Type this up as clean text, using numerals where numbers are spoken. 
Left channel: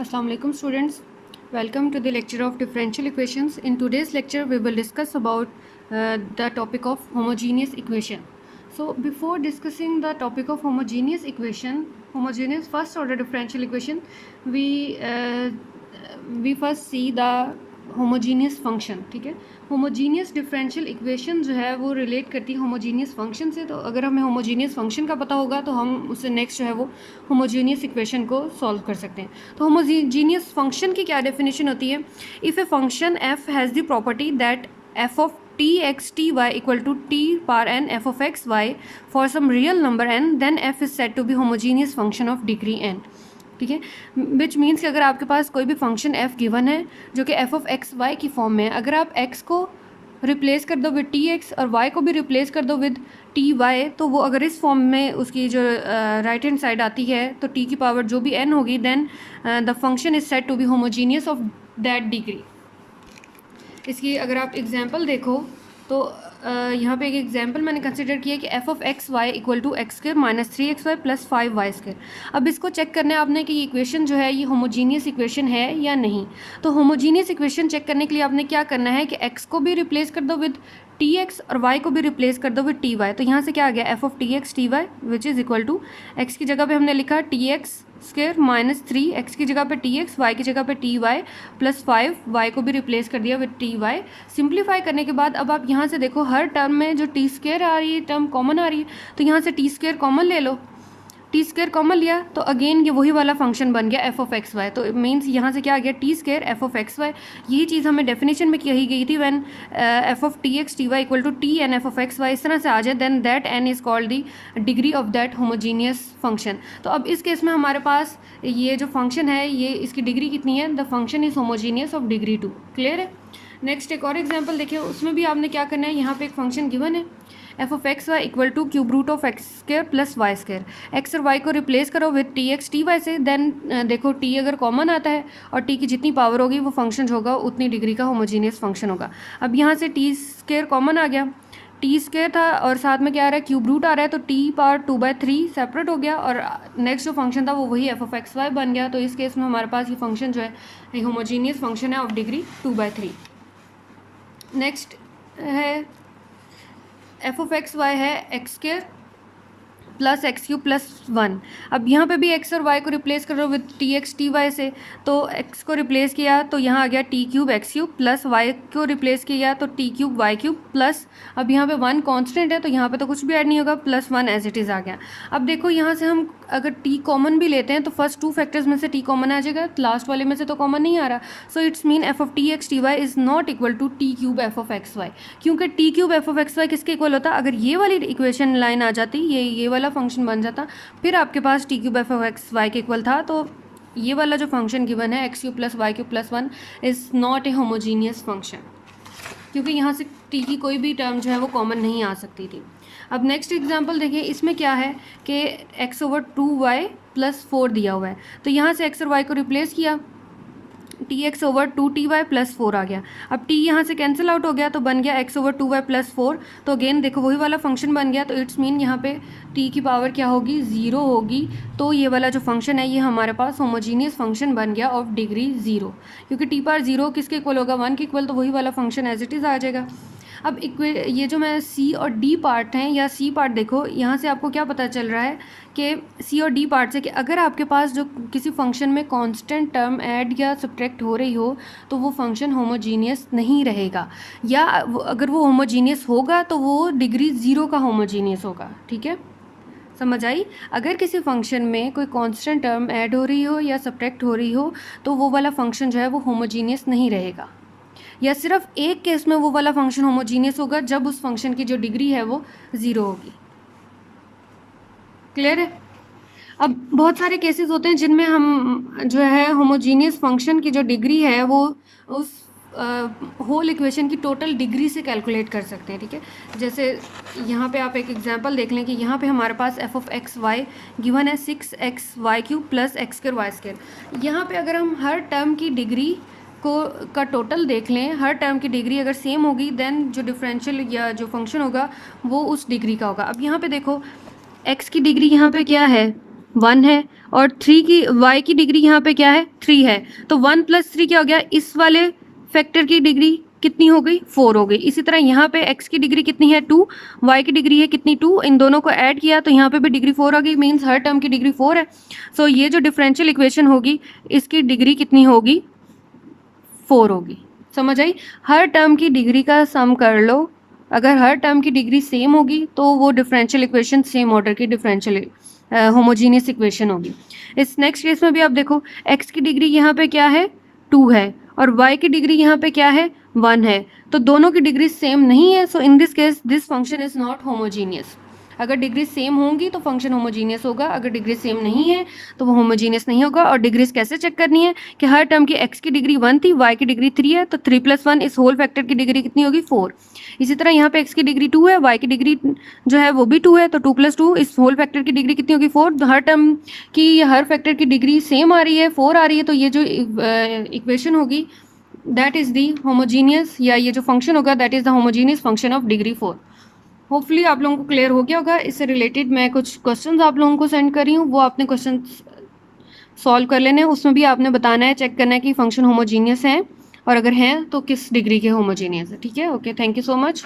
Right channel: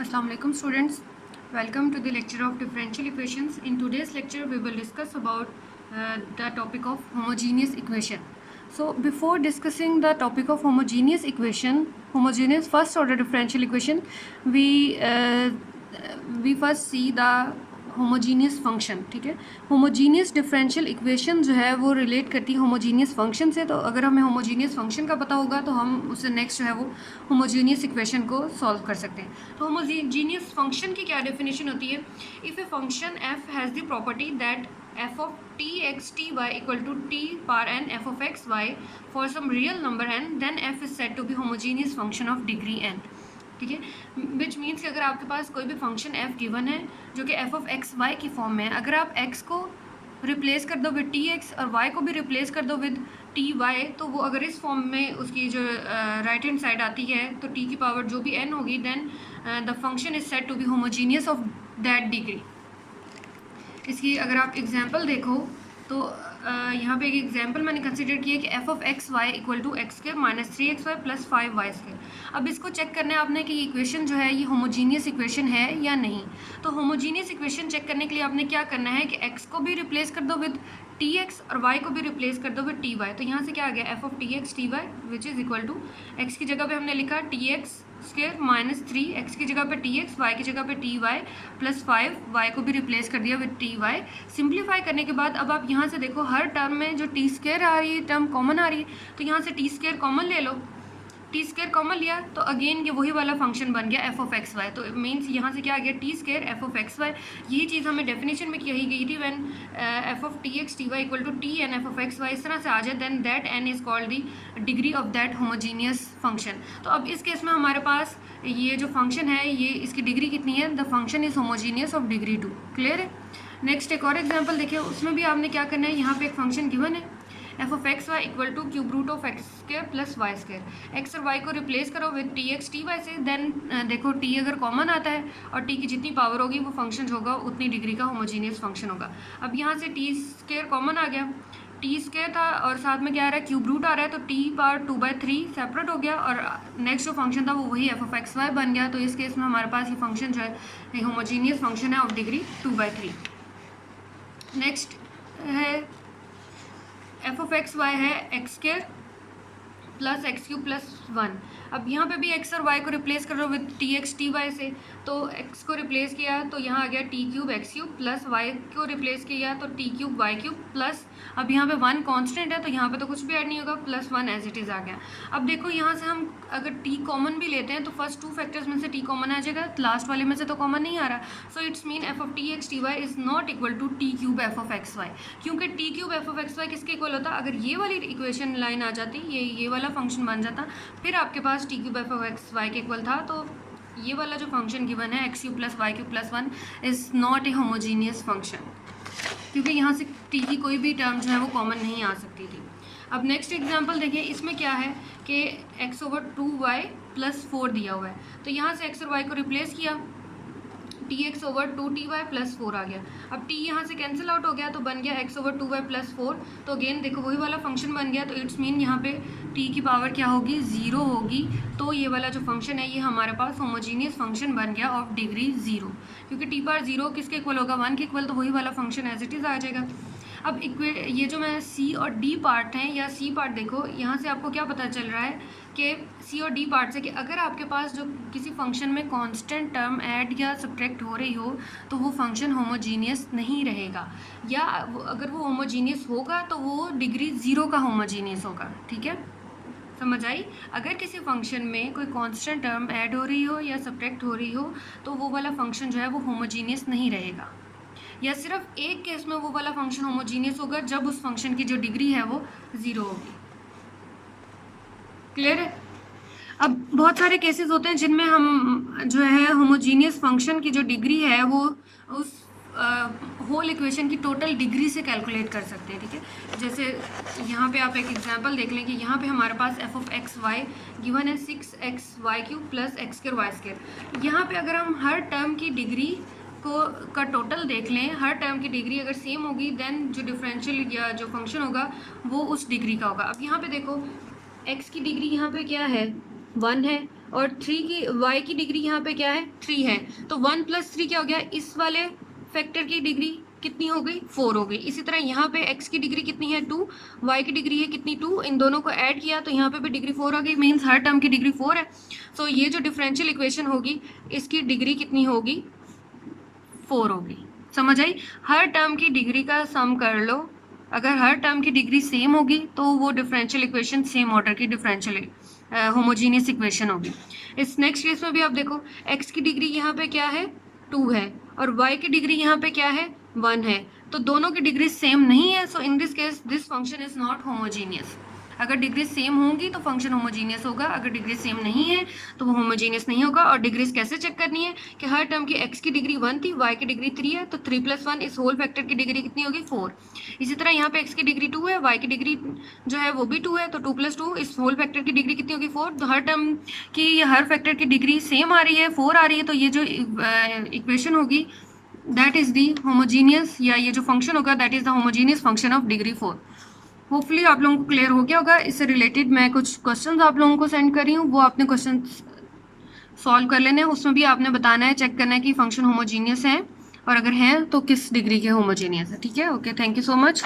Assalamualaikum students, welcome to the lecture of differential equations. In today's lecture we will discuss about the topic of homogeneous equation. So before discussing the topic of homogeneous first order differential equation, we first see the homogeneous function. ठीक है, homogeneous differential equation जो है वो relate करती है homogeneous function से. तो अगर हमें होमोजीनियस फंक्शन का पता होगा तो हम उससे नेक्स्ट जो है वो होमोजीनियस इक्वेशन को सॉल्व कर सकते हैं. तो होमोजीनियस फंक्शन की क्या डेफिनेशन होती है? If a function f has the property that f of T x T y equal to t power n f of x y for some real number n, then f is said to be homogeneous function of degree n. ठीक है, which means कि अगर आपके पास कोई भी function f given है जो कि f ऑफ एक्स वाई की फॉर्म में है, अगर आप x को रिप्लेस कर दो विद टी एक्स और y को भी रिप्लेस कर दो विद टी वाई, तो वो अगर इस फॉर्म में उसकी जो राइट हैंड साइड आती है तो t की पावर जो भी n होगी, then the function is said to be homogeneous of that degree. इसकी अगर आप एग्जाम्पल देखो तो यहाँ पे एक एग्जाम्पल मैंने कंसिडर किया कि f of x y equal to x square minus 3xy plus 5y square. अब इसको चेक करना है आपने कि ये इक्वेशन जो है ये होमोजीनियस इक्वेशन है या नहीं. तो होमोजीनियस इक्वेशन चेक करने के लिए आपने क्या करना है कि x को भी रिप्लेस कर दो विद टी एक्स और y को भी रिप्लेस कर दो विद टी वाई. तो यहाँ से क्या आ गया f of T x T y which is equal to x की जगह पे हमने लिखा t x square minus 3, x की जगह पे टी एक्स, वाई की जगह पे टी वाई प्लस 5, वाई को भी रिप्लेस कर दिया विद टी वाई. सिंप्लीफाई करने के बाद अब आप यहाँ से देखो हर टर्म में जो टी स्क्वायर आ रही है टर्म कॉमन आ रही है, तो यहाँ से टी स्क्वायर कॉमन ले लो. टी स्क्वायर कॉमन लिया तो अगेन ये वही वाला फंक्शन बन गया एफ ऑफ एक्स वाई. तो मीन्स यहाँ से क्या आ गया t square f of x y. यही चीज़ हमें डेफिनेशन में कही गई थी when f of T x T y equal to t n f of x y. इस तरह से आ जाए then that n is called the degree of that homogeneous function. तो अब इस केस में हमारे पास ये जो फंक्शन है ये इसकी डिग्री कितनी है? The function is homogeneous of degree 2. Clear है? नेक्स्ट एक और एग्जाम्पल देखिए, उसमें भी आपने क्या करना है, यहाँ पे एक फंक्शन गिवन है f of x y equal to cube root of x square plus y square. X और वाई को रिप्लेस करो with t x T y से, देन देखो टी अगर कॉमन आता है और टी की जितनी पावर होगी वो फंक्शन होगा उतनी डिग्री का होमोजीनियस फंक्शन होगा. अब यहाँ से टी स्क्वायर कॉमन आ गया, टी स्क्वायर था और साथ में क्या आ रहा है क्यूब रूट आ रहा है, तो टी पावर 2/3 सेपरेट हो गया और नेक्स्ट जो फंक्शन था वो वही एफ ऑफ एक्स वाई बन गया. तो इस केस में हमारे पास ये फंक्शन जो है ये होमोजीनियस फंक्शन है ऑफ डिग्री 2/3. नेक्स्ट है एफ ऑफ एक्स वाई है x square plus x cube plus 1. अब यहाँ पे भी एक्स और वाई को रिप्लेस करो with t x T y से, तो एक्स को रिप्लेस किया तो यहाँ आ गया t cube x cube plus y को रिप्लेस किया तो t cube y cube plus अब यहाँ पे 1 कांस्टेंट है तो यहाँ पे तो कुछ भी ऐड नहीं होगा, प्लस 1 एज इट इज़ आ गया. अब देखो यहाँ से हम अगर टी कॉमन भी लेते हैं तो फर्स्ट 2 फैक्टर्स में से टी कॉमन आ जाएगा, लास्ट वाले में से तो कॉमन नहीं आ रहा. So it's mean F of T x T Y is not equal to T cube F of x Y, क्योंकि T cube F of x Y किसके इक्वल होता? अगर ये वाली इक्वेशन लाइन आ जाती, ये वाला फंक्शन बन जाता, फिर आपके पास T cube F of x Y के इक्वल था. तो ये वाला जो फंक्शन गिवन है X cube plus Y cube plus 1 is not a homogeneous function, क्योंकि यहाँ से टी की कोई भी टर्म जो है वो कॉमन नहीं आ सकती थी. अब नेक्स्ट एग्जांपल देखिए, इसमें क्या है कि x ओवर 2y प्लस 4 दिया हुआ है, तो यहाँ से x और y को रिप्लेस किया, T x over 2ty plus 4 आ गया. अब t यहाँ से कैंसिल आउट हो गया तो बन गया x ओवर 2y प्लस 4. तो अगेन देखो वही वाला फंक्शन बन गया. तो इट्स मीन यहाँ पे t की पावर क्या होगी? 0 होगी. तो ये वाला जो फंक्शन है ये हमारे पास होमोजीनियस फंक्शन बन गया ऑफ डिग्री 0, क्योंकि t पावर 0 किसके इक्वल होगा? 1 के इक्वल. तो वही वाला फंक्शन एज इट इज़ आ जाएगा. अब ये जो मैं सी और डी पार्ट हैं या सी पार्ट देखो, यहाँ से आपको क्या पता चल रहा है कि सी और डी पार्ट से कि अगर आपके पास जो किसी फंक्शन में कांस्टेंट टर्म ऐड या सब्ट्रैक्ट हो रही हो तो वो फंक्शन होमोजीनियस नहीं रहेगा, या अगर वो होमोजीनियस होगा तो वो डिग्री 0 का होमोजीनियस होगा. ठीक है, समझ आई? अगर किसी फंक्शन में कोई कांस्टेंट टर्म ऐड हो रही हो या सब्ट्रैक्ट हो रही हो तो वो वाला फंक्शन जो है वो होमोजीनियस नहीं रहेगा, या सिर्फ एक केस में वो वाला फंक्शन होमोजीनियस होगा जब उस फंक्शन की जो डिग्री है वो 0 होगी. क्लियर है? अब बहुत सारे केसेस होते हैं जिनमें हम जो है होमोजीनियस फंक्शन की जो डिग्री है वो उस होल इक्वेशन की टोटल डिग्री से कैलकुलेट कर सकते हैं. ठीक है, जैसे यहाँ पे आप एक एग्जांपल देख लें कि यहाँ पे हमारे पास F of x Y given है 6x Y cube plus X square Y square. यहाँ पे अगर हम हर टर्म की डिग्री का टोटल देख लें, हर टर्म की डिग्री अगर सेम होगी देन जो डिफरेंशियल या जो फंक्शन होगा वो उस डिग्री का होगा. अब यहाँ पे देखो x की डिग्री यहाँ पे क्या है? 1 है और 3 की y की डिग्री यहाँ पे क्या है 3 है, तो 1 + 3 क्या हो गया, इस वाले फैक्टर की डिग्री कितनी हो गई 4 हो गई। इसी तरह यहाँ पे x की डिग्री कितनी है 2, y की डिग्री है कितनी 2, इन दोनों को ऐड किया तो यहाँ पे भी डिग्री 4 हो गई, मीन्स हर टर्म की डिग्री 4 है। सो ये जो डिफरेंशियल इक्वेशन होगी इसकी डिग्री कितनी होगी 4 होगी। समझ आई? हर टर्म की डिग्री का सम कर लो, अगर हर टर्म की डिग्री सेम होगी तो वो डिफरेंशियल इक्वेशन सेम ऑर्डर की डिफरेंशियल होमोजीनियस इक्वेशन होगी। इस नेक्स्ट केस में भी आप देखो x की डिग्री यहाँ पे क्या है 2 है और y की डिग्री यहाँ पे क्या है 1 है, तो दोनों की डिग्री सेम नहीं है। So in this case this function is not homogeneous. अगर डिग्री सेम होंगी तो फंक्शन होमोजीनियस होगा, अगर डिग्री सेम नहीं है तो वो होमोजीनियस नहीं होगा। और डिग्रीज कैसे चेक करनी है कि हर टर्म की x की डिग्री 1 थी, y की डिग्री 3 है, तो 3 + 1 इस होल फैक्टर की डिग्री कितनी होगी 4। इसी तरह यहाँ पे x की डिग्री 2 है, y की डिग्री जो है वो भी 2 है, तो 2 + 2 इस होल फैक्टर की डिग्री कितनी होगी 4। हर टर्म की हर फैक्टर की डिग्री सेम आ रही है 4 आ रही है, तो ये जो इक्वेशन होगी दैट इज़ दी होमोजीनियस, या ये जो फंक्शन होगा that is the homogeneous function of degree 4। Hopefully आप लोगों को क्लियर हो गया होगा। इससे रिलेटेड मैं कुछ क्वेश्चंस आप लोगों को सेंड कर रही हूँ, वो आपने क्वेश्चन सॉल्व कर लेने हैं। उसमें भी आपने बताना है, चेक करना है कि फंक्शन होमोजीनियस है और अगर हैं तो किस डिग्री के होमोजीनियस है। ठीक है, okay, thank you so much.